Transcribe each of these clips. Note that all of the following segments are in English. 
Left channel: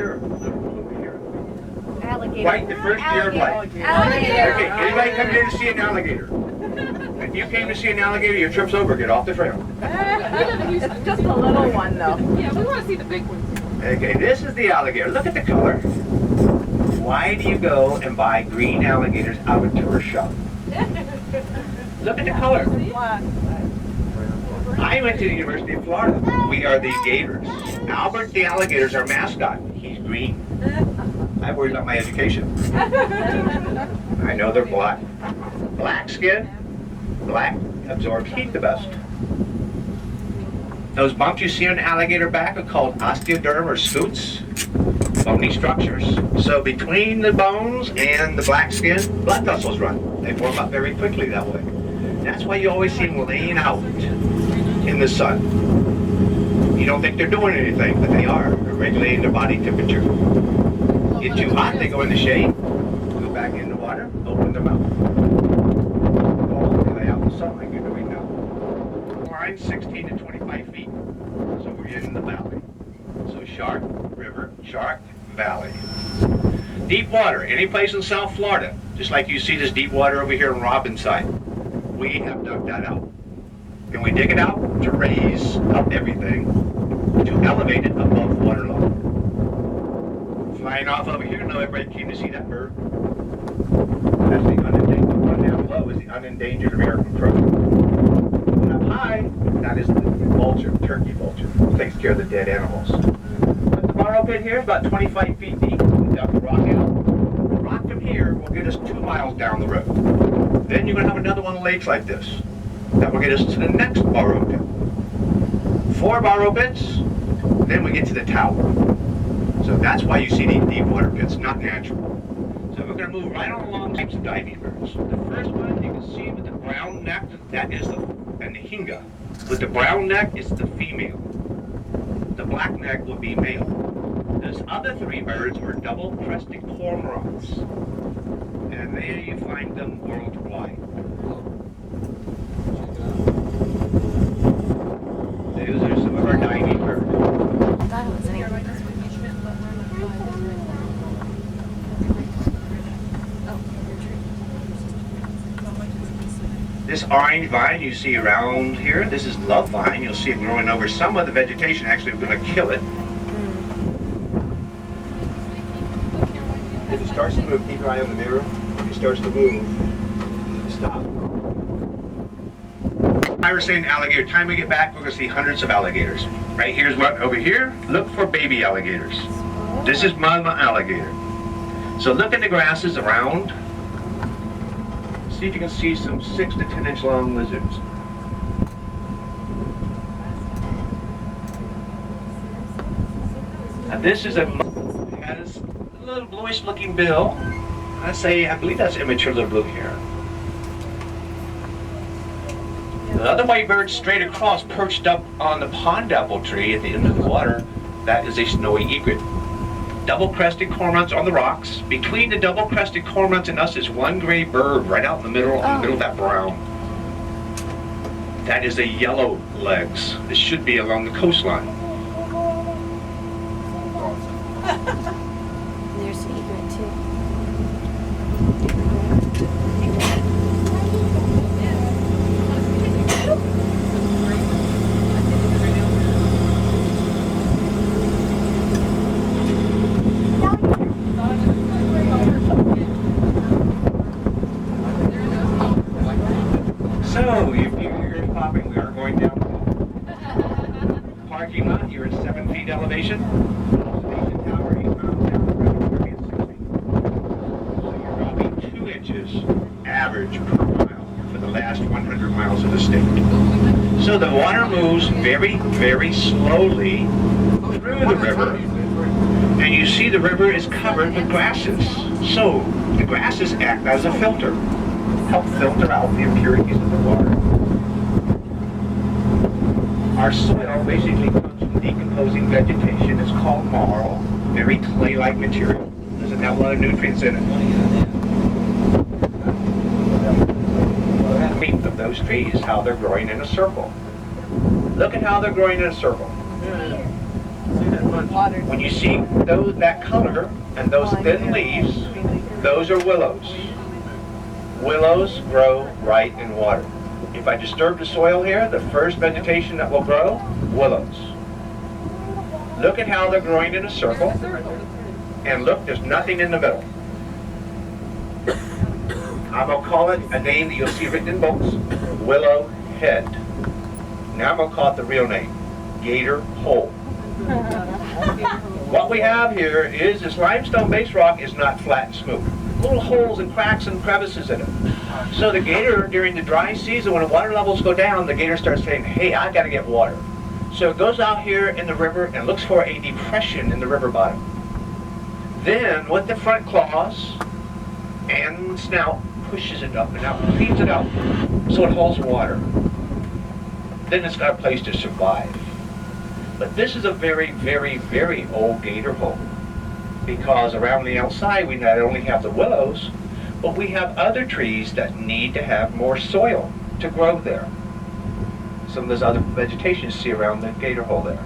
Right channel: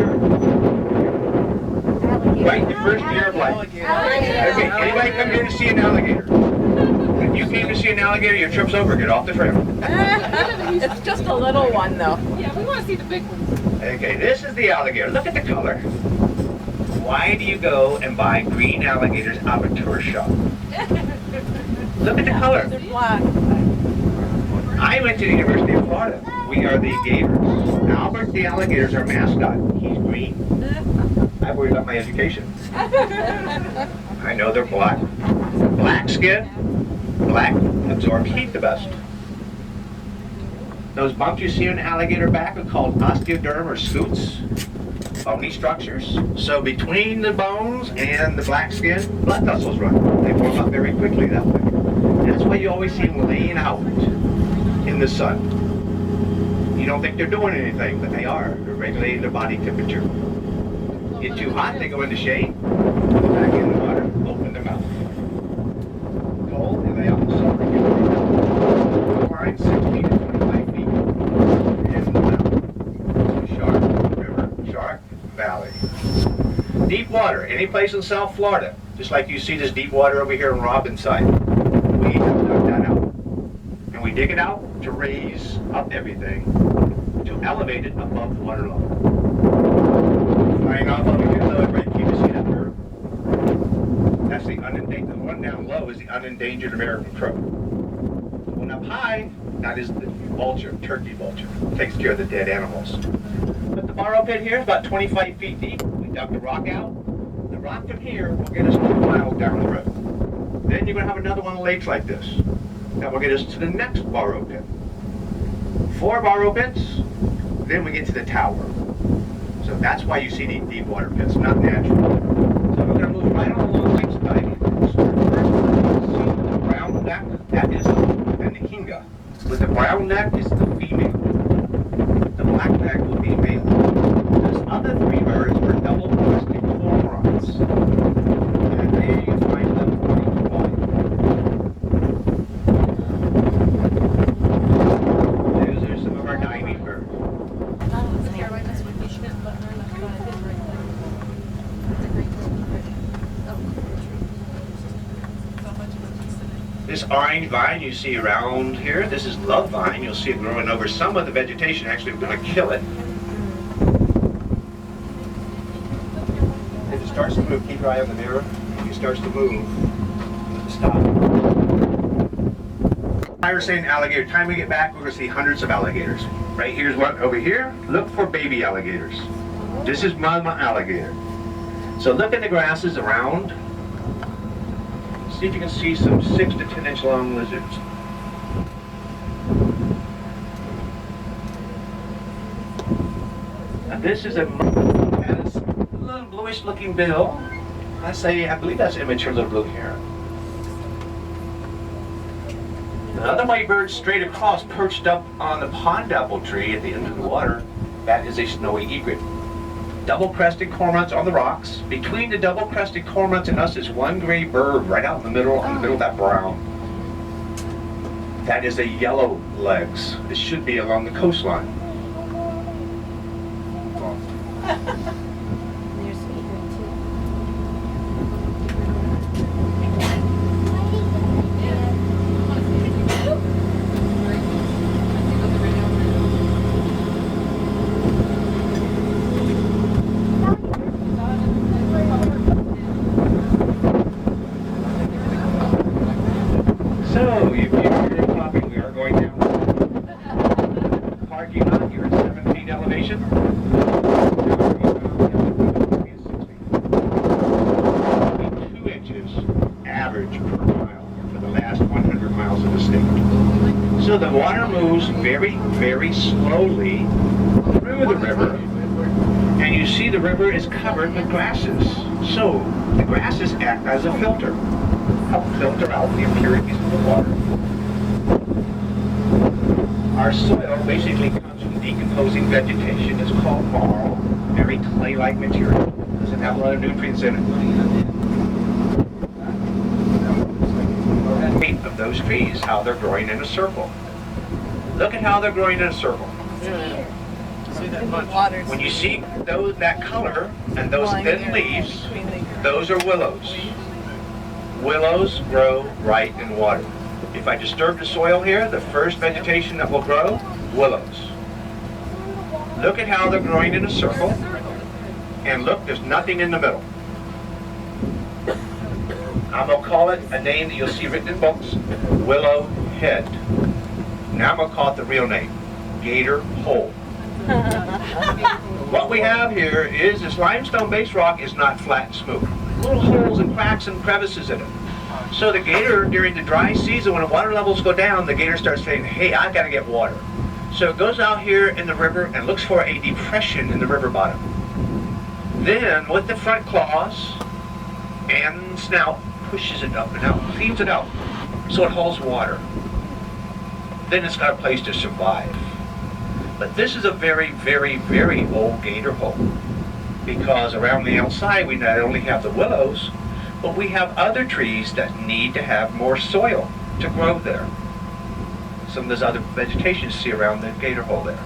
Sure. Alligator. White, the first deer of life. Alligator. Okay, anybody come here to see an alligator? If you came to see an alligator, your trip's over. Get off the trail. It's just a little one, though. Yeah, we want to see the big ones. Okay, this is the alligator. Look at the color. Why do you go and buy green alligators out of a tourist shop? Look at the color. Black. I went to the University of Florida. We are the Gators. Albert the alligator is our mascot. He's green. I worry about my education. I know they're black. Black skin, black absorbs heat the best. Those bumps you see on an alligator back are called osteoderm or scutes, bony structures. So between the bones and the black skin, blood vessels run. They form up very quickly that way. That's why you always see them laying out in the sun. You don't think they're doing anything, but they are. They're regulating their body temperature. Get too hot, they go in the shade, go back in the water, open their mouth. Cold, they lay out in the sun, they get way down. Line 16 to 25 feet in the mouth. So shark, river, shark, valley. Deep water, any place in South Florida, just like you see this deep water over here in Robinside, we have dug that out. And we dig it out to raise up everything, to elevate it above water level. Flying off over here, no, everybody came to see that bird. That's the unendangered, the one down low is the unendangered American crow. One up high, that is the vulture, turkey vulture. Takes care of the dead animals. But the borrow pit here is about 25 feet deep. We dug the rock out. The rock from here will get us 2 miles down the road. Then you're going to have another one of the lakes like this. That will get us to the next borrow pit. 4 borrow pits, then we get to the tower. So that's why you see these deep water pits, not natural. So we're going to move right on along types of diving birds. The first one you can see with the brown neck, that is the hinga. With the brown neck is the female. The black neck would be male. Those other 3 birds are double-crested cormorants. And there you find them worldwide. Those are some of our diving birds. This orange vine you see around here, this is love vine. You'll see it growing over some of the vegetation. Actually, we're going to kill it. If it starts to move, keep your eye on the mirror. If it starts to move, stop. I was saying alligator. Time we get back, we're going to see hundreds of alligators. Right here's what over here. Look for baby alligators. This is mama alligator. So look in the grasses around. See if you can see some 6 to 10 inch long lizards. Now this is has a little bluish looking bill. I believe that's immature little blue heron. The other white bird straight across, perched up on the pond apple tree at the end of the water, that is a snowy egret. Double-crested cormorants on the rocks. Between the double-crested cormorants and us is one gray bird right out in the middle of that brown. That is a yellow legs. This should be along the coastline. There's egret too. So, you're popping. We are going down the parking lot. You're at 7 feet elevation. Now we're 8 miles down. It's 6 feet. Probably 2 inches average per mile for the last 100 miles of the state. So the water moves very, very slowly through the river. And you see the river is covered with grasses. So the grasses act as a filter. Help filter out the impurities of the water. Our soil basically comes from decomposing vegetation. It's called marl, very clay-like material. Doesn't have a lot of nutrients in it. Meat of those trees, how they're growing in a circle. Look at how they're growing in a circle. When you see that color and those thin leaves, those are willows. Willows grow right in water. If I disturb the soil here, the first vegetation that will grow, willows. Look at how they're growing in a circle, and look, there's nothing in the middle. I'm going to call it a name that you'll see written in books, willow head. Now I'm going to call it the real name, gator hole. What we have here is this limestone-based rock is not flat and smooth. Little holes and cracks and crevices in it. So the gator, during the dry season, when the water levels go down, the gator starts saying, hey, I got to get water. So it goes out here in the river and looks for a depression in the river bottom. Then, with the front claws and snout, pushes it up and out, feeds it out, so it holds water. Then it's got a place to survive. But this is a very, very, very old gator hole, because around the outside we not only have the willows, but we have other trees that need to have more soil to grow there. Some of those other vegetation you see around the gator hole there.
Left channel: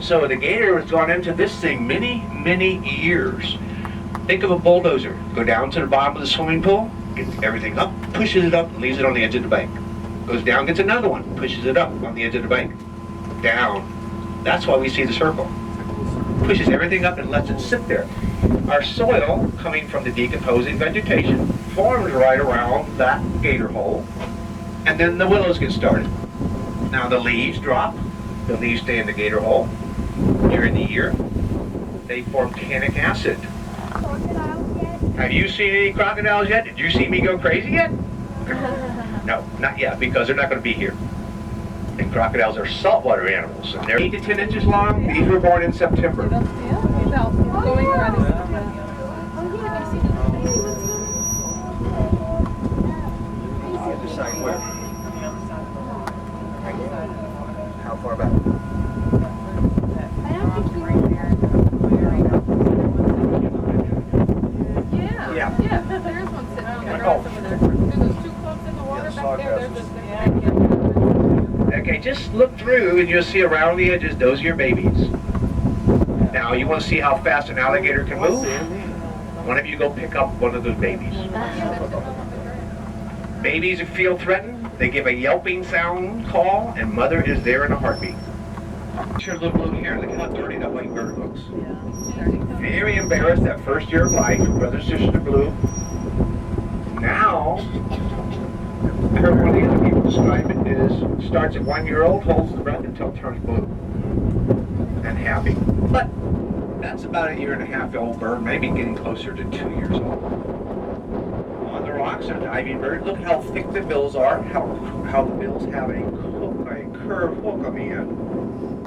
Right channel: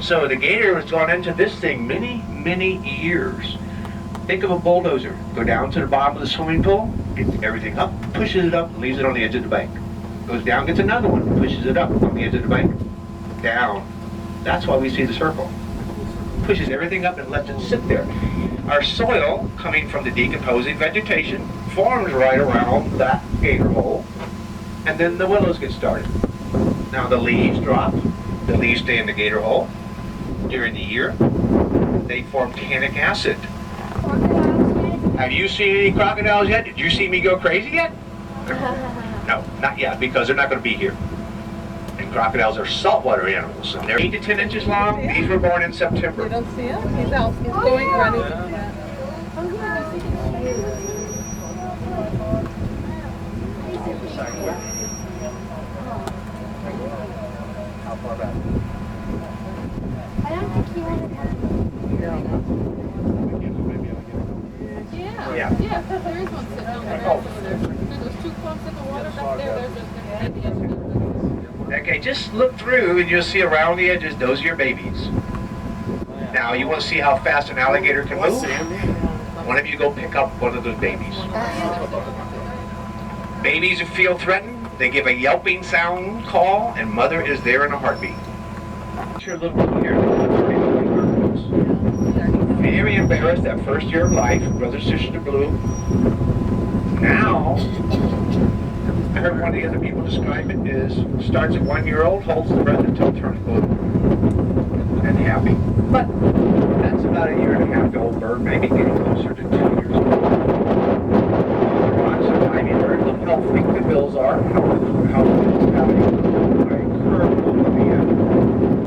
So the gator has gone into this thing many, many years. Think of a bulldozer. Go down to the bottom of the swimming pool, gets everything up, pushes it up, and leaves it on the edge of the bank. Goes down, gets another one, pushes it up on the edge of the bank. Down. That's why we see the circle. Pushes everything up and lets it sit there. Our soil, coming from the decomposing vegetation, forms right around that gator hole, and then the willows get started. Now the leaves drop. The leaves stay in the gator hole. During the year, they form tannic acid. Have you seen any crocodiles yet? Did you see me go crazy yet? No, not yet, because they're not going to be here. And crocodiles are saltwater animals, and they're 8 to 10 inches long. These were born in September. Decide where. How far back? Yeah, there is one sitting on the grass over there. There's 2 clumps in the water back there. There's this. Okay, just look through and you'll see around the edges, those are your babies. Now, you want to see how fast an alligator can move? One of you go pick up one of those babies. Babies who feel threatened, they give a yelping sound call, and mother is there in a heartbeat. Your little blue hair, they call it turning the white bird books. Very embarrassed that first year of life, brothers, sisters are blue. Now, I heard one of the other people describe it is, starts at 1 year old, holds the breath until it turns blue. And happy. But that's about a 1.5 year old bird, maybe getting closer to 2 years old. On the rocks are diving birds. Look how thick the bills are, how the bills have a curved hook on the end.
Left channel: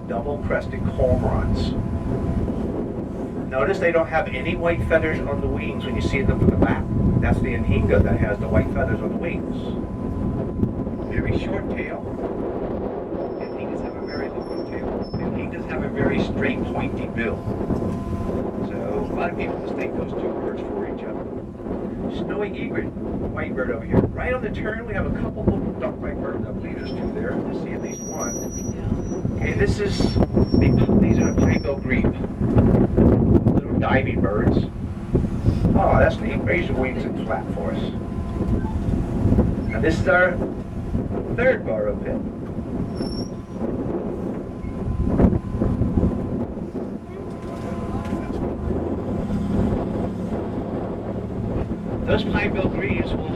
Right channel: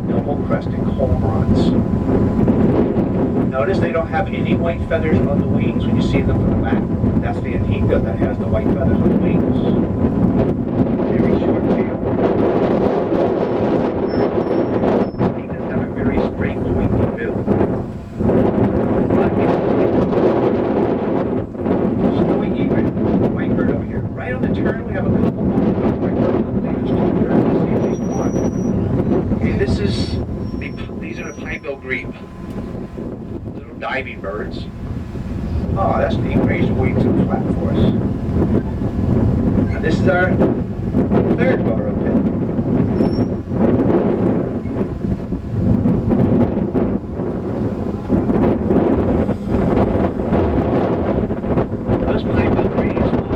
Double-crested cormorants. Notice they don't have any white feathers on the wings when you see them from the back. That's the anhinga that has the white feathers on the wings. Very short tail. Anhingas have a very straight, pointy bill. So, a lot of people mistake them for snowy egret, white bird over here. Right on the turn, we have a couple of white birds. I believe there's 2 there. I see at least 1. Okay, these are the pine-bill grebe. Little diving birds. Oh, that's neat. Raise your wings and flap for us. And this is our 3rd burrow pit. Those pine-bill grebes will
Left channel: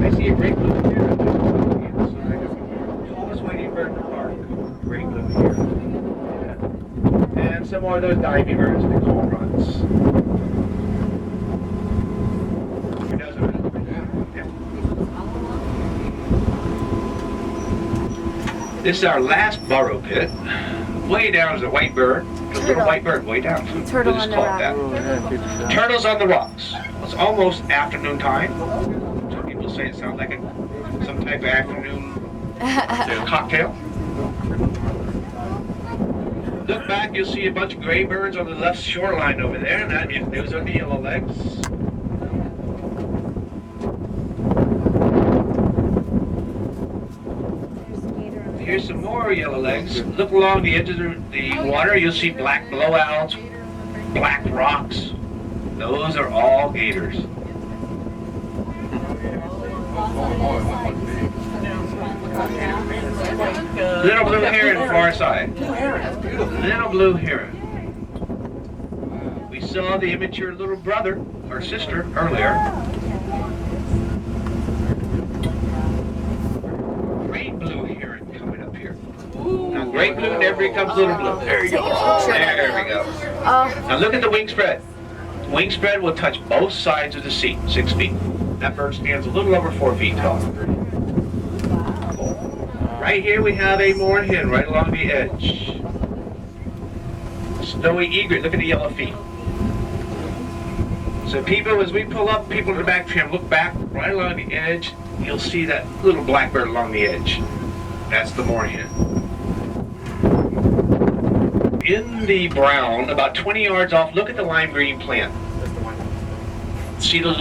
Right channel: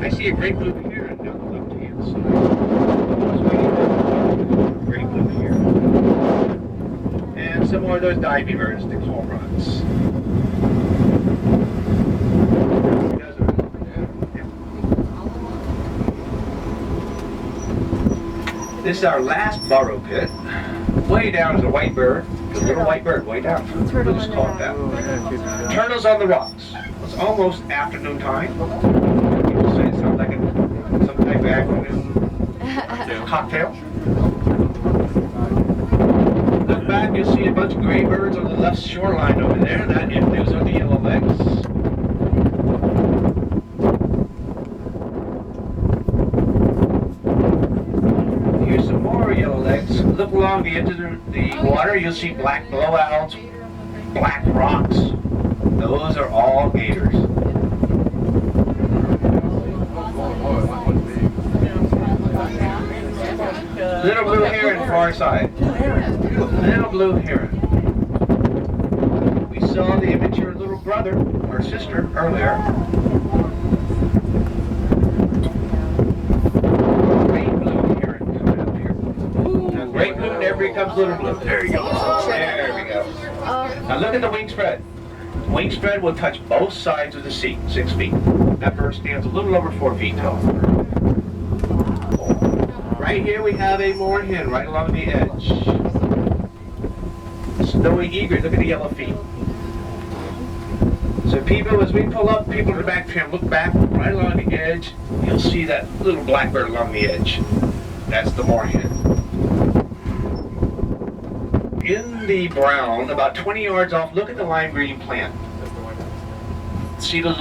I see a great blue here. Almost waiting for a great blue here. And some more of those diving birds, the cormorants. This is our last burrow pit. Way down is a white bird, a little white bird way down. Turtle We'll just on the call it that. Turtles on the rocks. It's almost afternoon time. Some people say it sounds like some type of afternoon Cocktail. Look back, you'll see a bunch of gray birds on the left shoreline over there. Those are the yellowlegs. Here's some more yellowlegs. Look along the edge of the water. You'll see black blowouts, black rocks. Those are all gators. Little blue heron, far side. Little blue heron. We saw the immature little brother or sister earlier. Great blue heron coming up here. Now, great blue never becomes little blue. There you go. There we go. Now look at the wing spread. Wing spread will touch both sides of the seat, 6 feet. That bird stands a little over 4 feet tall. Right here we have a moorhen right along the edge. Snowy egret, look at the yellow feet. So people, as we pull up, people in the back tram, look back right along the edge, you'll see that little blackbird along the edge. That's the moorhen. In the brown, about 20 yards off, look at the lime green plant. See the